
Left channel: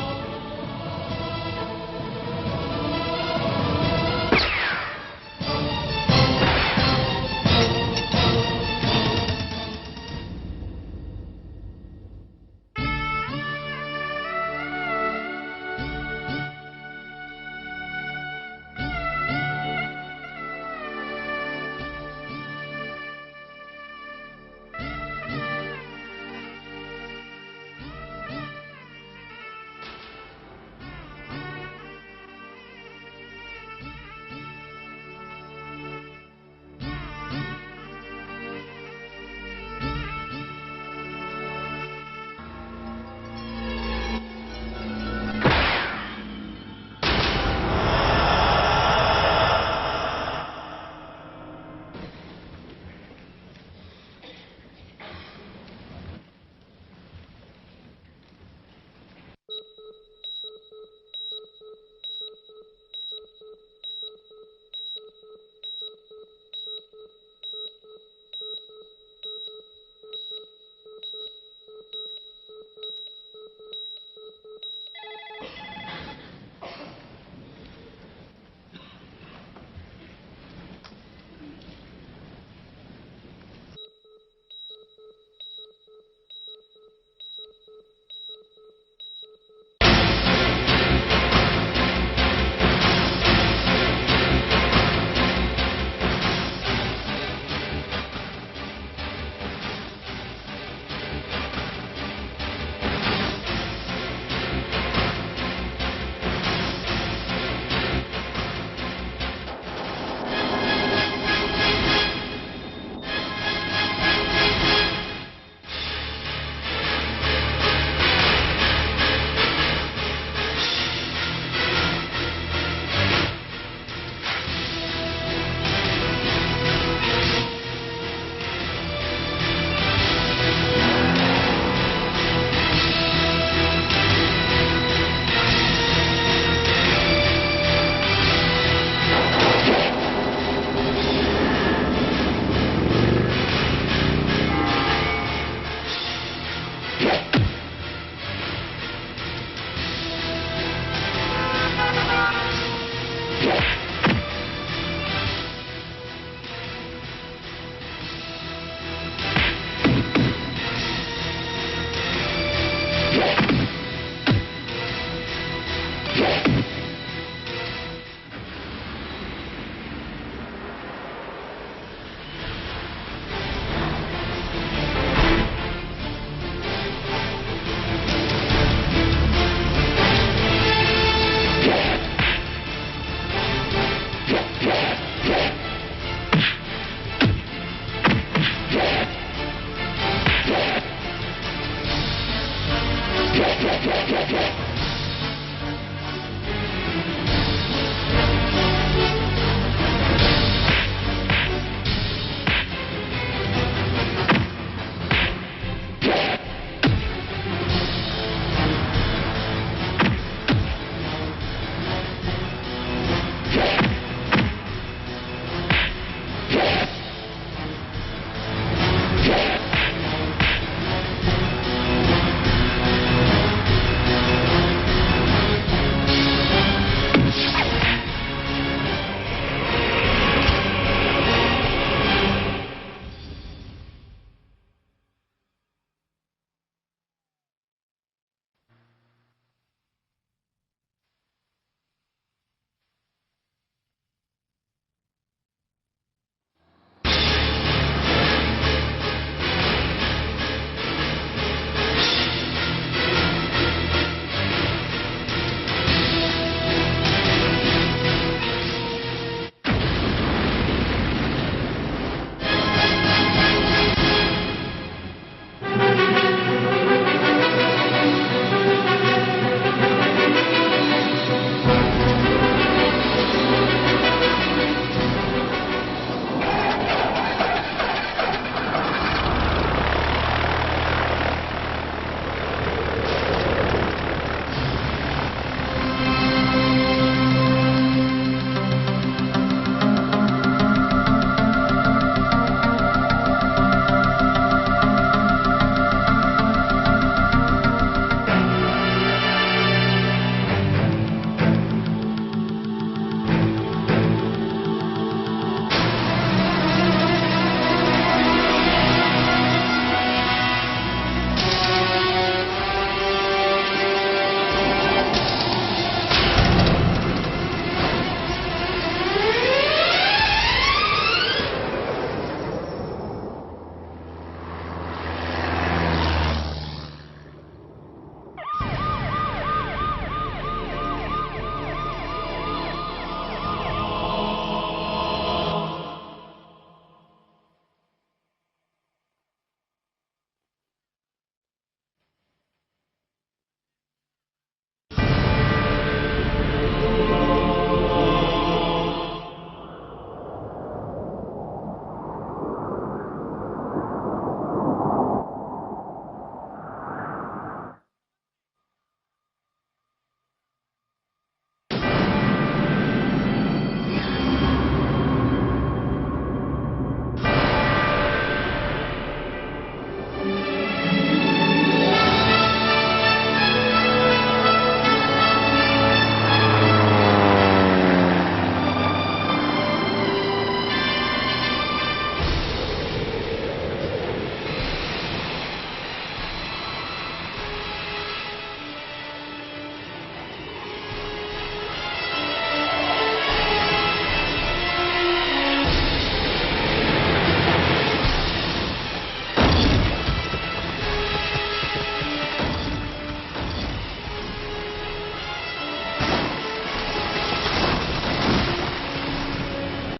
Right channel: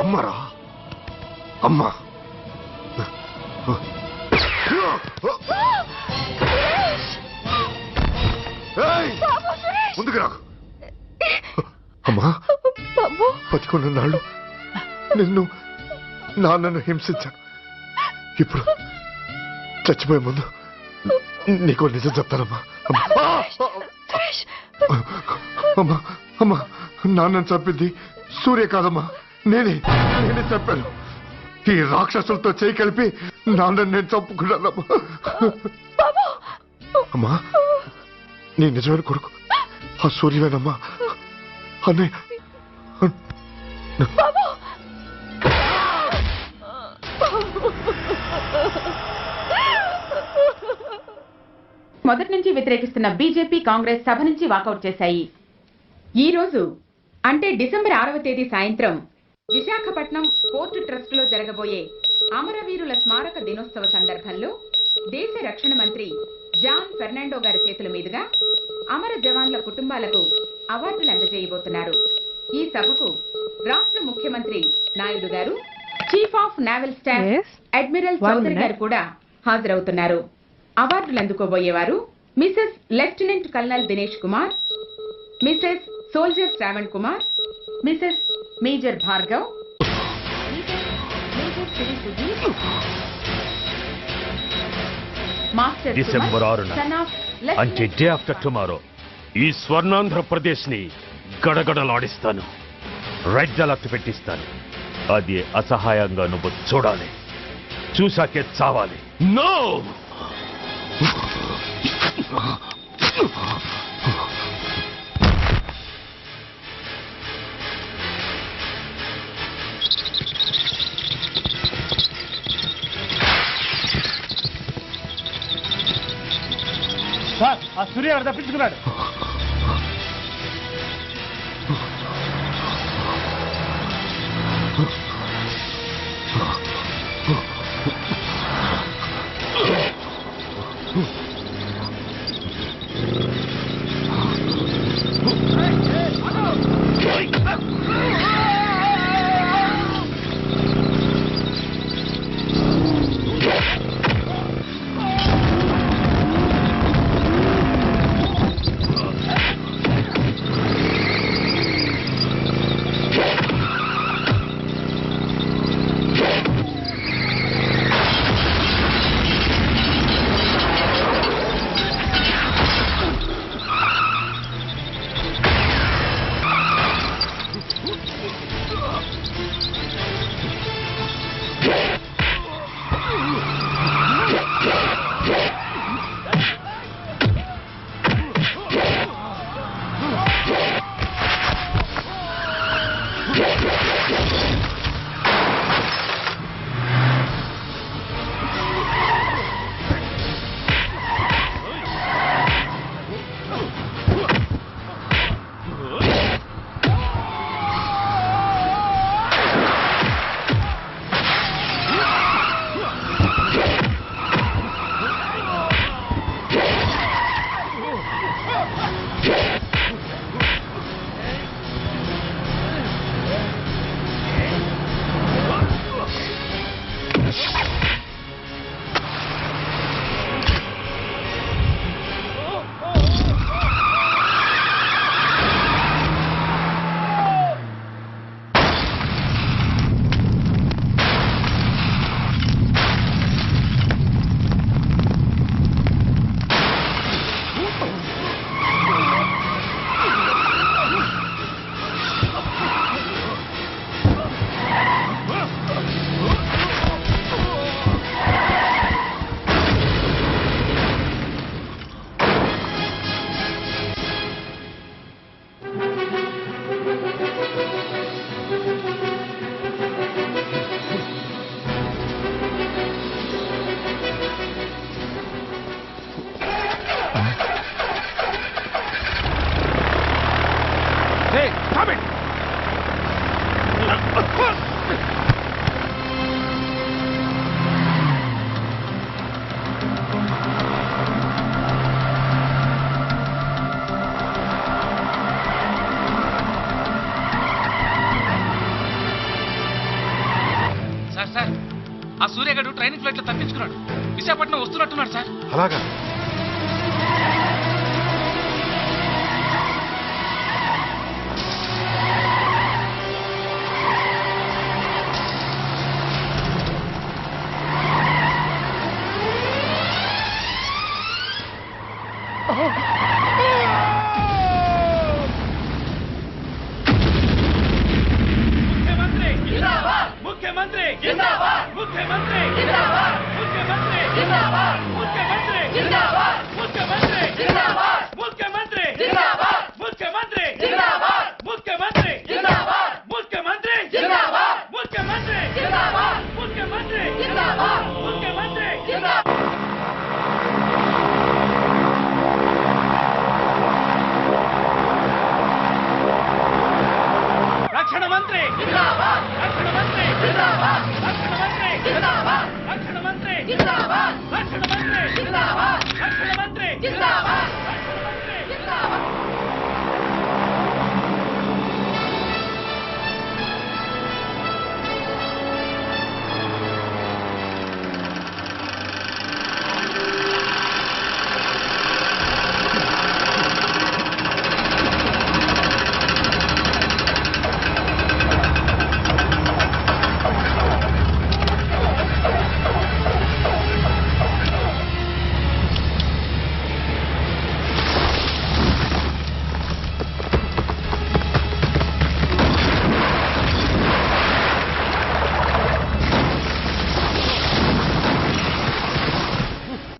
అమ్మరా అమ్మ ముందుకు రా. అమ్మా బతికున్న నాళ్ళు నాన్నను హింసించాను. ఇప్పుడు చచ్చిపోయే ముందు నీకో నిజం చెప్తానమ్మా. అమ్మా అమ్మా నాన్నను చంపింది సూర్య కాదమ్మా, నేనే చెప్పాను. ఈ రాక్షసులతో చేయి కలిపి నాన్నని నేను చంపుకున్నానమ్మా. అమ్మా నీ నిజమైన కొడుకు ఆ సూర్యవేనమ్మా. అన్నయ్య మొదటి నుంచి వ్యతిరేకిస్తున్న బీజేపీ, కాంగ్రెస్ సభ నుంచి వాకౌట్ చేశాయి. ఈ రోజు అంటే డిసెంబర్ 6వ తేదీ సాయంత్రం విశాఖపట్నం పోర్టు ట్రస్టులో జరగబోయే అమరవీరుల స్మారక దినోత్సవ సందర్భంలో దేశ రక్షణ మంత్రి జాన్ ఫెర్నాండో గారి చేతుల మీదుగా అమర జవాన్ల కుటుంబాలకు అవార్డులు అందజేయబోతున్నారు. ఈ సభకు రాష్ట్ర ముఖ్యమంత్రి Naidu garu, chief of naval staff admiral Chaudhary garu కూడా హాజరవుతున్నారు. అవార్డులు అందుకోబోయేవారు Mrs lieutenant colonel Dinesh Kumar, Mrs soldier Shravan Kumar, Mrs major Bhargav, December 6న అంటే డే ఆఫ్టర్ టుమారో ఈ స్వర్ణాంధ్రప్రదేశ్ని గడగడలాడిస్తాను. రెడ్ అలర్ట్ పెట్టిస్తాను. అది అసహాయంగా నువ్వు చూడాలి, చూసాకే చావాలి. నో సూర్య తప్పించుకున్నాడు.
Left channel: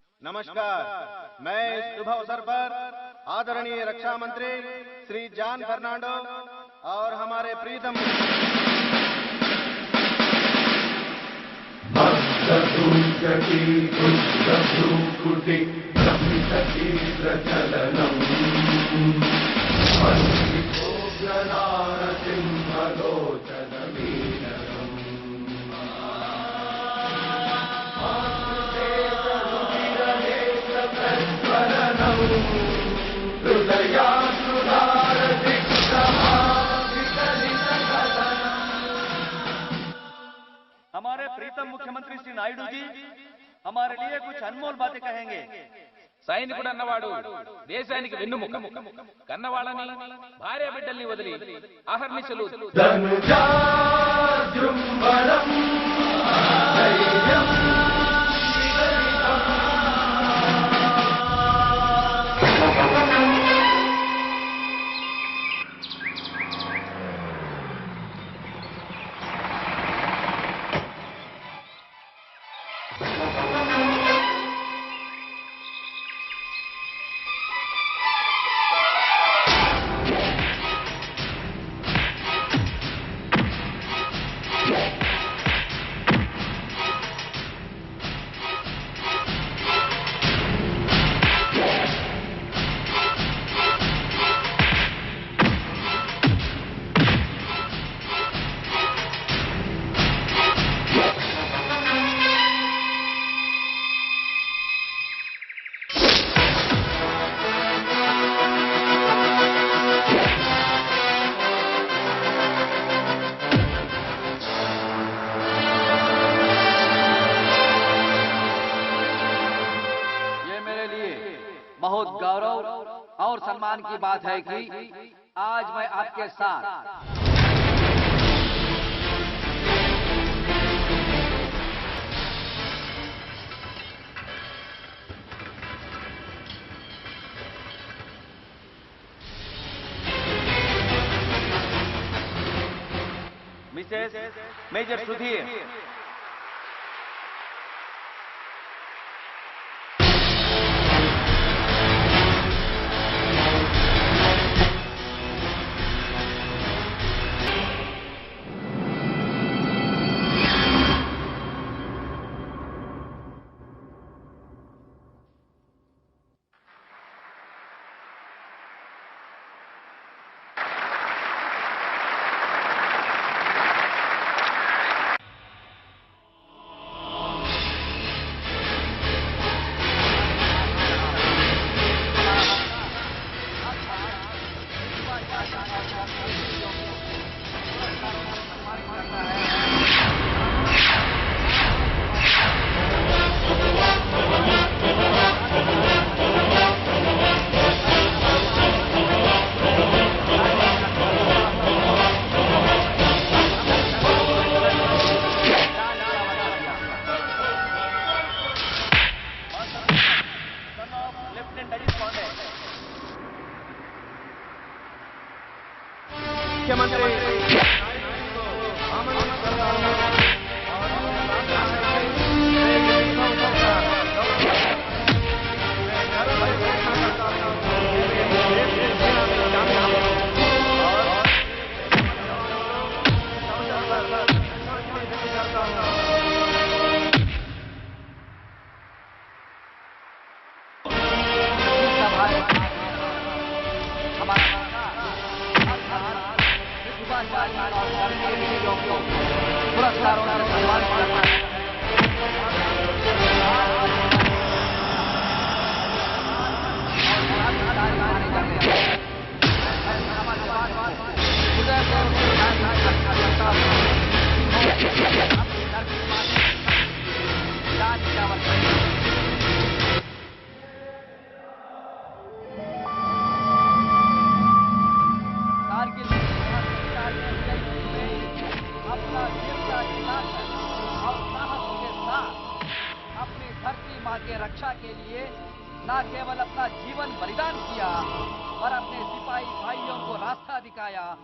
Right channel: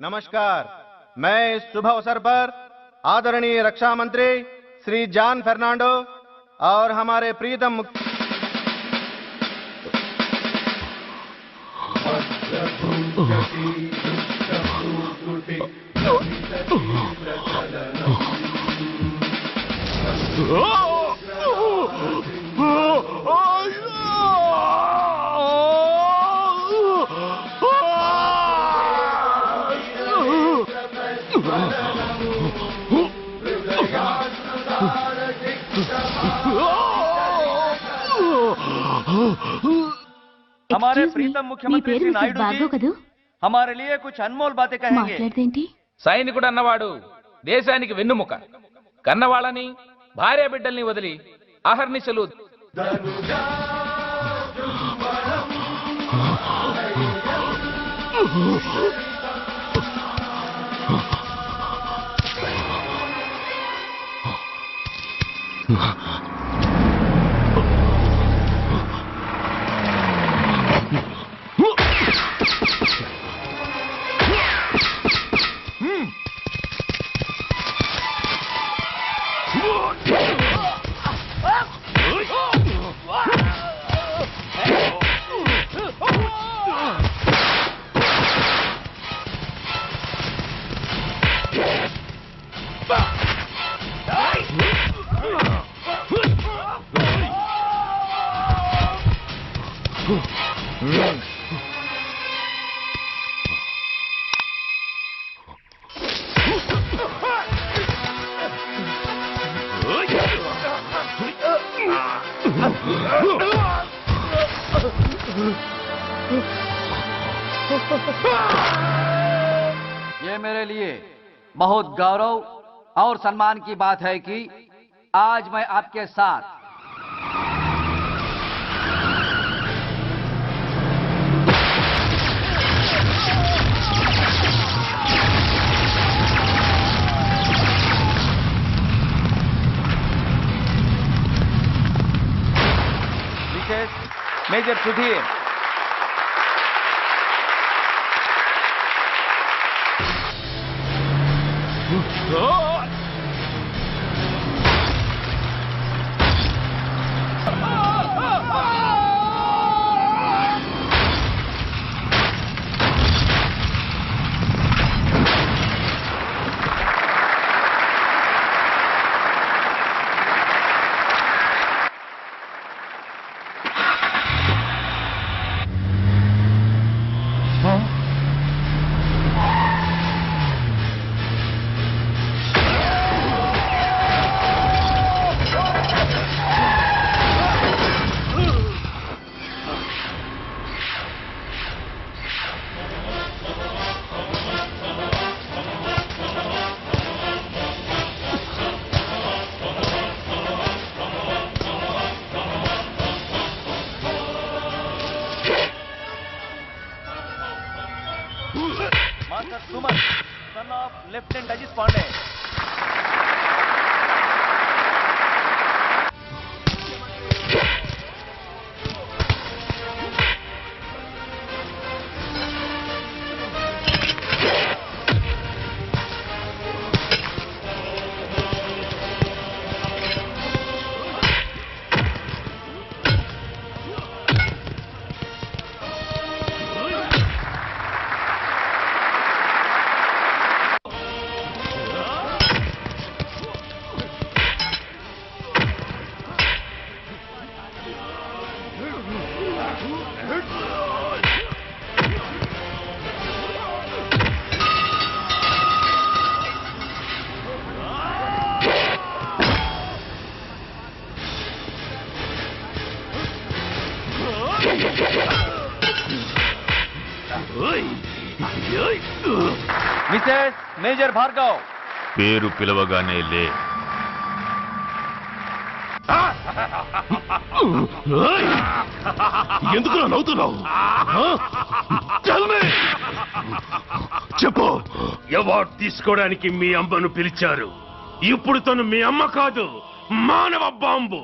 नमस्कार। मैं इस शुभ अवसर पर आदरणीय रक्षा मंत्री श्री जॉन फर्नांडो और हमारे प्रीतम हमारे प्रीतम मुख्यमंत्री श्री नायडू जी हमारे लिए कुछ अनमोल बातें कहेंगे। సైనికుడు అన్నవాడు దేశానికి వెన్నుముక. కన్నవాళ్ళని భార్య బిడ్డల్ని వదిలి అహర్నిశలు बहुत गौरव और सम्मान की बात है कि आज मैं आपके साथ major Sudhir Mrs major Bhargav పేరు పిలవగానే లే. ఎందుకు నవ్వుతున్నావు? చెప్పు, అవార్డు తీసుకోవడానికి మీ అమ్మను పిలిచారు. ఇప్పుడు తను మీ అమ్మ కాదు, మానవ బాంబు.